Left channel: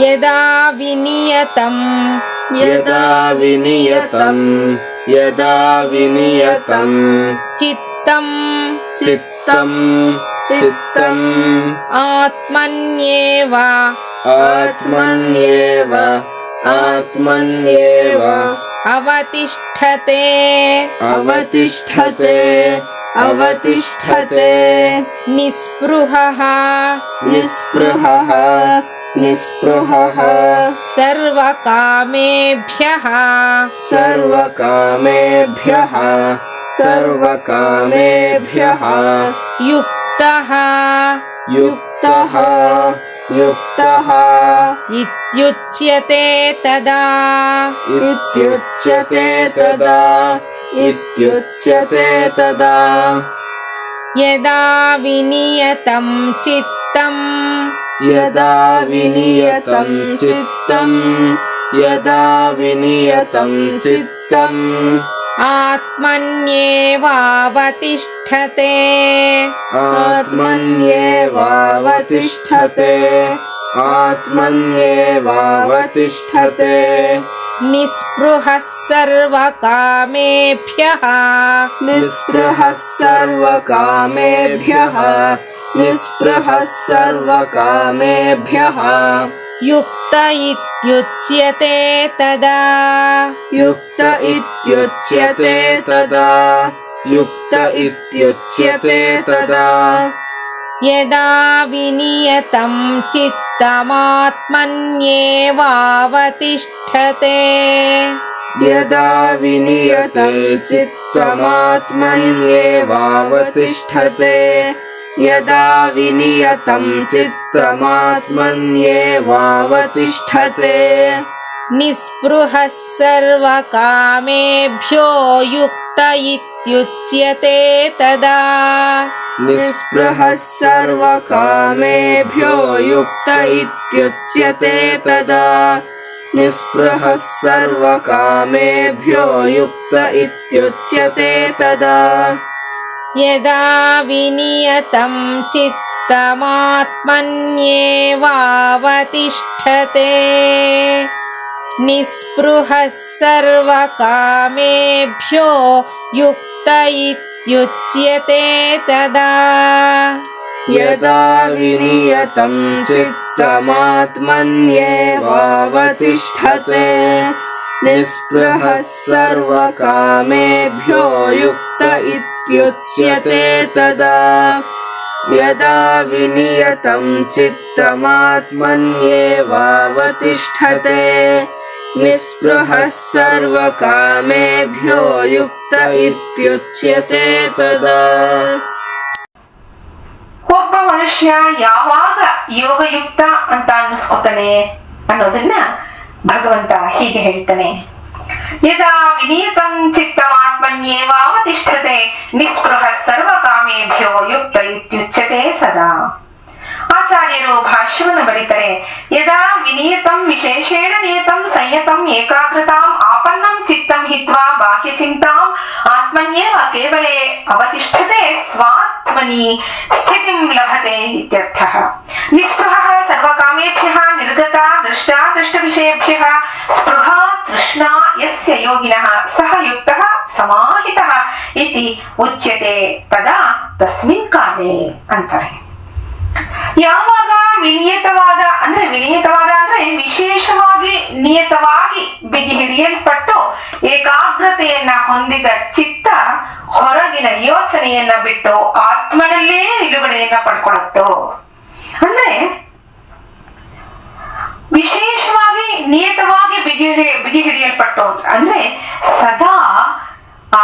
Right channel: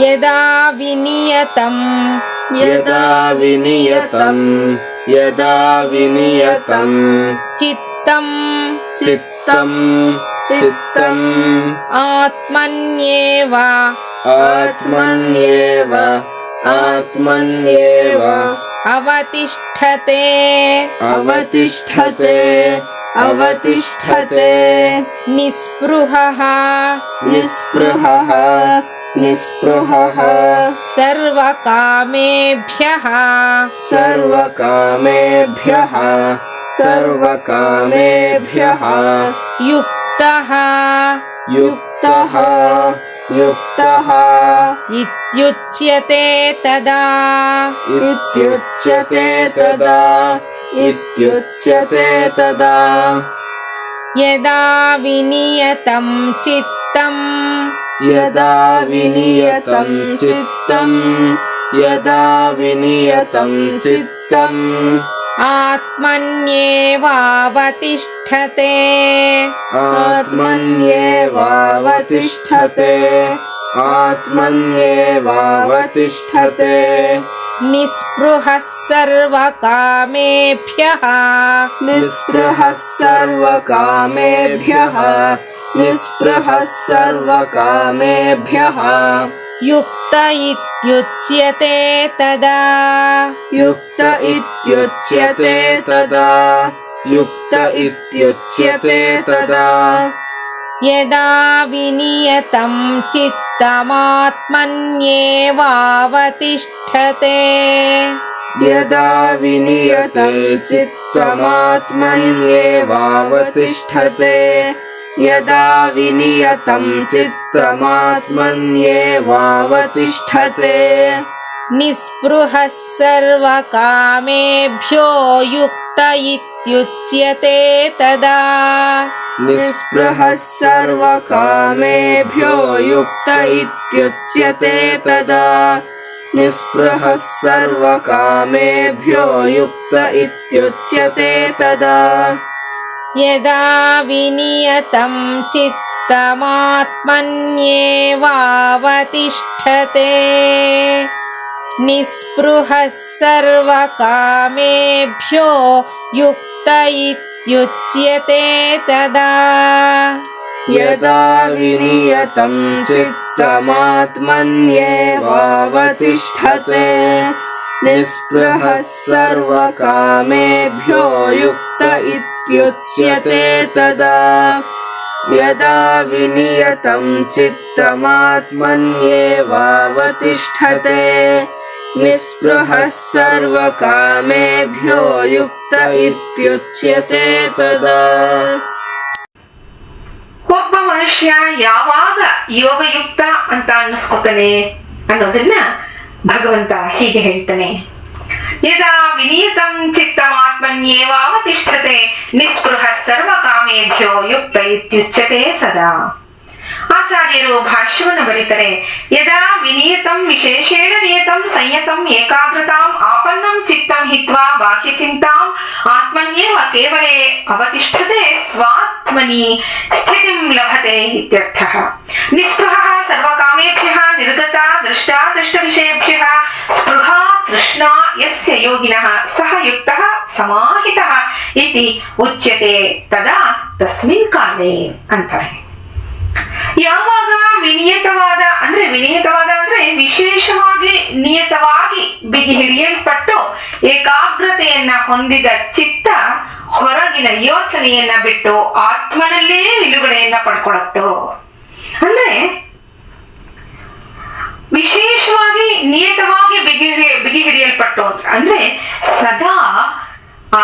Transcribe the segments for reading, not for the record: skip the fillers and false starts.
ಯದಾ ವಿನಿಯತಂ ಯದಾ ವಿನಿಯತಂ ಯದಾ ವಿನಿಯತಂ ಚಿತ್ತಂ ಚಿತ್ತಂ ಚಿತ್ತಂ ಆತ್ಮನ್ಯೇವ ಆತ್ಮನ್ಯೇವ ಆತ್ಮನ್ಯೇವ ಅವತಿಷ್ಠತೆ ಅವತಿಷ್ಠತೆ ಅವತಿಷ್ಠತೆ ನಿಸ್ಪೃಹಃ ನಿಸ್ಪೃಹಃ ನಿಸ್ಪೃಹಃ ಸರ್ವಕಾಮೇಭ್ಯಃ ಸರ್ವಕಾಮೇಭ್ಯಃ ಸರ್ವಕಾಮೇಭ್ಯಃ ಯುಕ್ತಃ ಯುಕ್ತಃ ಯುಕ್ತಃ ಇತ್ಯುಚ್ಯತೆ ತದಾ ಇತ್ಯುಚ್ಯತೆ ತದಾ ಇತ್ಯುಚ್ಯತೆ ತದಾ ಯದಾ ವಿನಿಯತಂ ಚಿತ್ತಂ ಯದಾ ವಿನಿಯತಂ ಚಿತ್ತಂ ಯದಾ ವಿನಿಯತಂ ಚಿತ್ತಂ ಆತ್ಮನ್ಯೇವಾವತಿಷ್ಠತೆ ಆತ್ಮನ್ಯೇವಾವತಿಷ್ಠತೆ ಆತ್ಮನ್ಯೇವಾವತಿಷ್ಠತೆ ನಿಸ್ಪೃಹಃ ಸರ್ವಕಾಮೇಭ್ಯಃ ನಿಸ್ಪೃಹಃ ಸರ್ವಕಾಮೇಭ್ಯಃ ನಿಸ್ಪೃಹಃ ಸರ್ವಕಾಮೇಭ್ಯಃ ಯುಕ್ತ ಇತ್ಯುಚ್ಯತೆ ತದಾ ಯುಕ್ತ ಇತ್ಯುಚ್ಯತೆ ತದಾ ಯುಕ್ತ ಇತ್ಯುಚ್ಯತೆ ತದಾ ಯದಾ ವಿನಿಯತಂ ಚಿತ್ತಮಾತ್ಮನ್ಯೇವಾವತಿಷ್ಠತೆ ಯದಾ ವಿನಿಯತಂ ಚಿತ್ತಮಾತ್ಮನ್ಯೇವಾವತಿಷ್ಠತೆ ಯದಾ ವಿನಿಯತಂ ಚಿತ್ತಮಾತ್ಮನ್ಯೇವಾವತಿಷ್ಠತೆ ನಿಸ್ಪೃಹಃ ಸರ್ವಕಾಮೇಭ್ಯೋ ಯುಕ್ತ ಇತ್ಯುಚ್ಯತೆ ತದಾ ನಿಸ್ಪೃಹಃ ಸರ್ವಕಾಮೇಭ್ಯೋ ಯುಕ್ತ ಇತ್ಯುಚ್ಯತೆ ತದಾ ನಿಸ್ಪೃಹಃ ಸರ್ವಕಾಮೇಭ್ಯೋ ಯುಕ್ತ ಇತ್ಯುಚ್ಯತೆ ತದಾ ಯದಾ ವಿನಿಯತಂ ಚಿತ್ತಮಾತ್ಮನ್ಯೇವಾವತಿಷ್ಠತೆ ನಿಸ್ಪೃಹಃ ಸರ್ವಕಾಮೇಭ್ಯೋ ಯುಕ್ತ ಇತ್ಯುಚ್ಯತೆ ತದಾ ಯದಾ ವಿನಿಯತಂ ಚಿತ್ತಮಾತ್ಮನ್ಯೇವಾವತಿಷ್ಠತೆ ನಿಸ್ಪೃಹಃ ಸರ್ವಕಾಮೇಭ್ಯೋ ಯುಕ್ತ ಇತ್ಯುಚ್ಯತೆ ತದಾ ಯದಾ ವಿನಿಯತಂ ಚಿತ್ತಮಾತ್ಮನ್ಯೇವಾವತಿಷ್ಠತೆ ನಿಸ್ಪೃಹಃ ಸರ್ವಕಾಮೇಭ್ಯೋ ಯುಕ್ತ ಇತ್ಯುಚ್ಯತೆ ತದಾ. ಒಬ್ಬ ಮನುಷ್ಯ ಯಾವಾಗ ಯೋಗಯುಕ್ತ ಅಂತ ಅನ್ನಿಸ್ಕೊತಾನೆ ಅನ್ನೋದನ್ನ ಭಗವಂತ ಹೀಗೆ ಹೇಳ್ತಾನೆ. ಯದಾ ವಿನಿಯತಂ ಚಿತ್ತಮಾತ್ಮನ್ಯೇವಾವತಿಷ್ಠತೆ ನಿಸ್ಪೃಹ ಸರ್ವಕಾಮೇಭ್ಯೋ ಯುಕ್ತ ಇತ್ಯುಚ್ಯತೆ ಸದಾ. ಆಚಾರ್ಯರು ಭಾಷ್ಯವನ್ನು ಬರೀತಾರೆ. ಯದಾ ವಿನಿಯತಂ ವಿಶೇಷೇಣ ನಿಯತಂ ಸಂಯತಂ ಏಕಾಗ್ರತಾಂ ಆಪನ್ನಂ ಚಿತ್ತಂ ಹಿತ್ವಾ ಬಾಹ್ಯ ಚಿಂತಾಂ ಆತ್ಮನ್ಯೇವ ಕೇವಲೇ ಅವತಿಷ್ಠತೆ ಸ್ವಾತ್ಮನಿ ಸ್ಥಿತಿಂ ಲಭತೆ ಇತ್ಯರ್ಥಃ. ನಿಸ್ಪೃಹಃ ಸರ್ವಕಾಮೇಭ್ಯಃ ನಿರ್ಗತ ದೃಷ್ಟಾ ದೃಷ್ಟವಿಷಯೇಭ್ಯಃ ಸ್ಪೃಹಾ ತೃಷ್ಣಾ ಯಸ್ಯ ಯೋಗಿನಃ ಸಹ ಯುಕ್ತಃ ಸಮಾಹಿತಃ ಇತಿ ಉಚ್ಯತೆ ತದಾ ತಸ್ಮಿನ್ ಕಾಲೇ ಅಂತಾರೆ. ಯಾವಾಗ ವಿನಿಯತವಾದ ಅಂದ್ರೆ ವಿಶೇಷವಾಗಿ ನಿಯತವಾಗಿ ಬಿಗಿ ಹಿಡಿಯಲ್ಪಟ್ಟು ಏಕಾಗ್ರತೆಯನ್ನ ಹೊಂದಿದ ಚಿತ್ತ ಹೊರಗಿನ ಯೋಚನೆಯನ್ನ ಬಿಟ್ಟು ಆತ್ಮನಲ್ಲೇ ನಿಲುಗಡೆಯನ್ನ ಪಡ್ಕೊಳತ್ತೋ. ಅಂದ್ರೆ ವಿಶೇಷವಾಗಿ ನಿಯತವಾಗಿ ಬಿಗಿ ಹಿಡಿಯಲ್ಪಟ್ಟು ಅಂದ್ರೆ ಸದಾ ಆ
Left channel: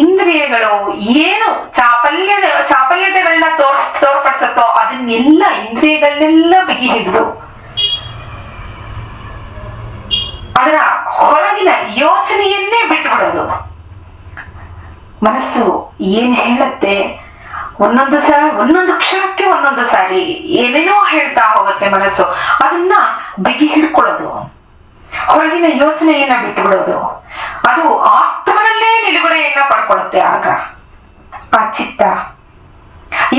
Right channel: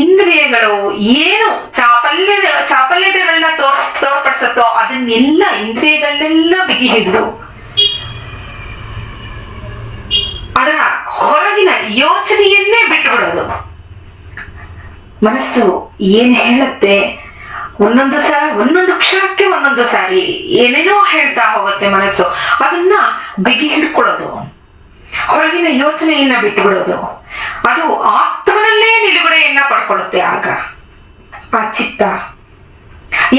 ಇಂದ್ರಿಯಗಳು ಏನು ಚಾಪಲ್ಯತೆಗಳನ್ನ ತೋರ್ಪಡಿಸತ್ತೋ ಅದನ್ನೆಲ್ಲ ಇಂದ್ರಿಯಗಳನ್ನೆಲ್ಲ ಬಿಗಿ ಹಿಡಿದು ಅದರ ಹೊರಗಿನ ಯೋಚನೆಯನ್ನೇ ಬಿಟ್ಟು ಬಿಡೋದು. ಮನಸ್ಸು ಏನ್ ಹೇಳುತ್ತೆ ಒಂದೊಂದು ಕ್ಷಣಕ್ಕೆ ಒಂದೊಂದು ಸಾರಿ ಏನೇನೋ ಹೇಳ್ತಾ ಹೋಗುತ್ತೆ ಮನಸ್ಸು. ಅದನ್ನ ಬಿಗಿ ಹಿಡ್ಕೊಳ್ಳೋದು, ಹೊರಗಿನ ಯೋಚನೆಯನ್ನ ಬಿಟ್ಟು ಬಿಡೋದು, ಅದು ಆತ್ಮನಲ್ಲೇ ನಿಲುಗಡೆಯನ್ನ ಪಡ್ಕೊಳ್ಳುತ್ತೆ. ಆಗ ಆ ಚಿತ್ತ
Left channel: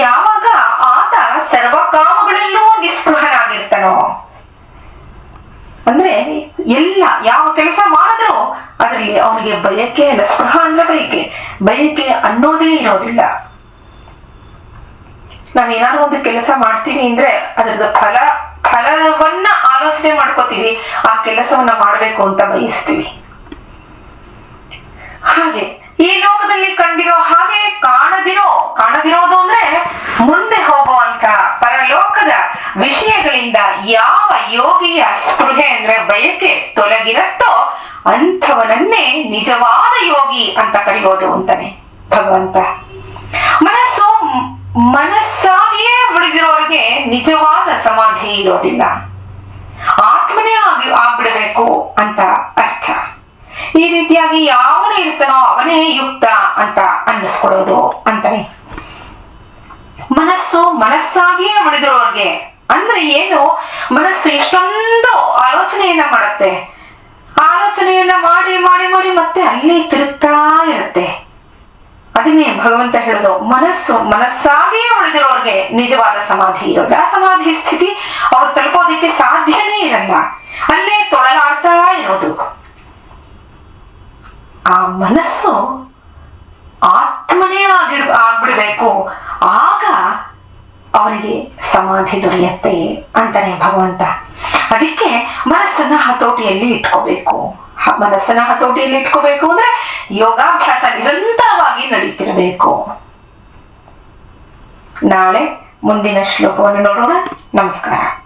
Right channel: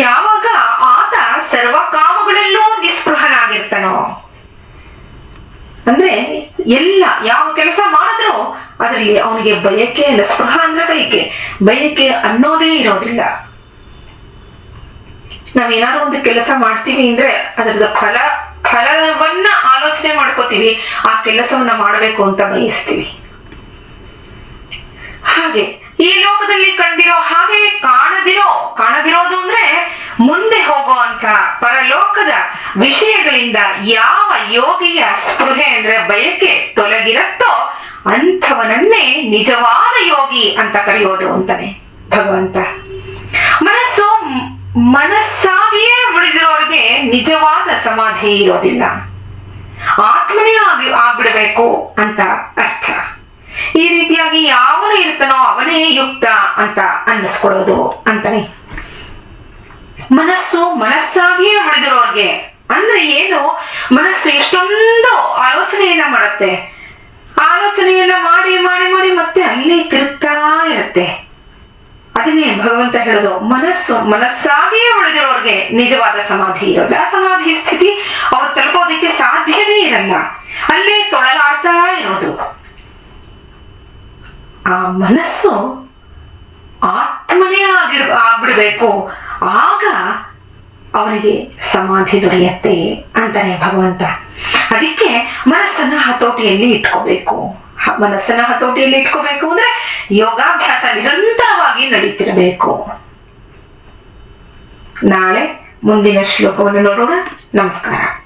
ಯಾವಾಗ ಆತ ಸರ್ವಕಾಮಗಳಲ್ಲೂ ನಿಸ್ಪೃಹನಾಗಿರ್ತಾನೋ ಅಂದ್ರೆ ಎಲ್ಲ ಯಾವ ಕೆಲಸ ಮಾಡಿದ್ರೂ ಅದರಲ್ಲಿ ಅವನಿಗೆ ಬಯಕೆ ಇಲ್ಲ. ಸ್ಪೃಹ ಅಂದ್ರೆ ಬಯಕೆ ಅನ್ನೋದೇ ಇರೋದಿಲ್ಲ. ನಾವೇನಾದ್ರು ಒಂದು ಕೆಲಸ ಮಾಡ್ತೀವಿ ಅಂದ್ರೆ ಅದರದ ಫಲವನ್ನ ಆಲೋಚನೆ ಮಾಡ್ಕೋತೀವಿ, ಆ ಕೆಲಸವನ್ನ ಮಾಡಬೇಕು ಅಂತ ಬಯಸ್ತೀವಿ. ಹಾಗೆ ಈ ಲೋಕದಲ್ಲಿ ಕಂಡಿರೋ ಹಾಗೆ ಕಾಣದಿರೋದು ಅಂದ್ರೆ ಮುಂದೆ ಹೋಗುವಂತ ಪರಲೋಕದ ವಿಷಯಗಳಿಂದ ಯಾವ ಯೋಗಿಯ ಸ್ಪೃಹೆ ಅಂದ್ರೆ ಬಯಕೆ ತೊಲಗಿರತ್ತೋ ಅಂಥವನನ್ನೇ ನಿಜವಾದ ಯೋಗಿ ಅಂತ ಕರೆಯೋದು ಅಂತಾನೆ ಭಗವಂತ. ಮನಸ್ಸಾಗಿಯೇ ಉಳಿದಿರೋರಿಗೆ ನಿಜವಾದ ಸಮಾಧಿ ಇರೋದಿಲ್ಲ. ಆತ್ಮನೇ ಆಗ್ಬಿಡ್ಬೇಕು ಅಂತ ಅರ್ಥ. ಈ ರೀತಿಯಾಗಿ ಯಾವನು ಇರ್ತಾನೋ ಅವನೇ ಯುಕ್ತ ಅಂತ ಅನ್ನಿಸ್ಕೊಡೋದು ಅಂತಾನೆ. ಮನಸ್ಸಾಗಿಯೇ ಉಳಿದಿರೋರ್ಗೆ ಅಂದ್ರೆ ಏನು? ಮನಸ್ಸು ಎಷ್ಟೊಂದು ಆಲೋಚನೆಯನ್ನ ಮಾಡುತ್ತೆ. ಆಲೋಚನೆಯನ್ನ ಮಾಡಿ ಮಾಡಿ ಮಾಡಿ ಮತ್ತೆ ಅಲ್ಲಿ ತಿರುಗ್ತಾ ಇರುತ್ತೆ. ಅದನ್ನೇ ಭಗವಂತ ಹೇಳೋದು, ಮನಸ್ಸಾಗಿಯೇ ಉಳಿದಿರೋರ್ಗೆ ನಿಜವಾದ ಸಮಾಧಿ ಇರೋದು. ಆ ಸಮಾಧಿ ಸ್ಥಿತಿ ಅವ್ರು ತಲುಪೋದಕ್ಕೆ ಸಾಧ್ಯನೇ ಇರಲ್ಲ, ಅಲ್ಲೇ ತೊಳಲಾಡ್ತಾ ಇರೋದು. ಆ ಮನಸ್ಸು ಆತ್ಮನೇ ಆಗ್ಬಿಡ್ಬೇಕು, ಆಗ ಅವನಿಗೆ ಸಮಾಧಿ ದೊರೆಯುತ್ತೆ ಅಂತಾನೆ ಭಗವಂತ. ಅದಕ್ಕೆ ಮನಸ್ಸನ್ನ ಹತೋಟಿಯಲ್ಲಿ ಇಟ್ಕೋಬೇಕು. ಅಂದ್ರೆ ಯೋಗಾಭ್ಯಾಸ ನಿರಂತರವಾಗಿ ನಡೀತಿರಬೇಕು. ನಾಳೆ ಮುಂದಿನ ಶ್ಲೋಕವನ್ನು ನೋಡೋಣ. ನಮಸ್ಕಾರ.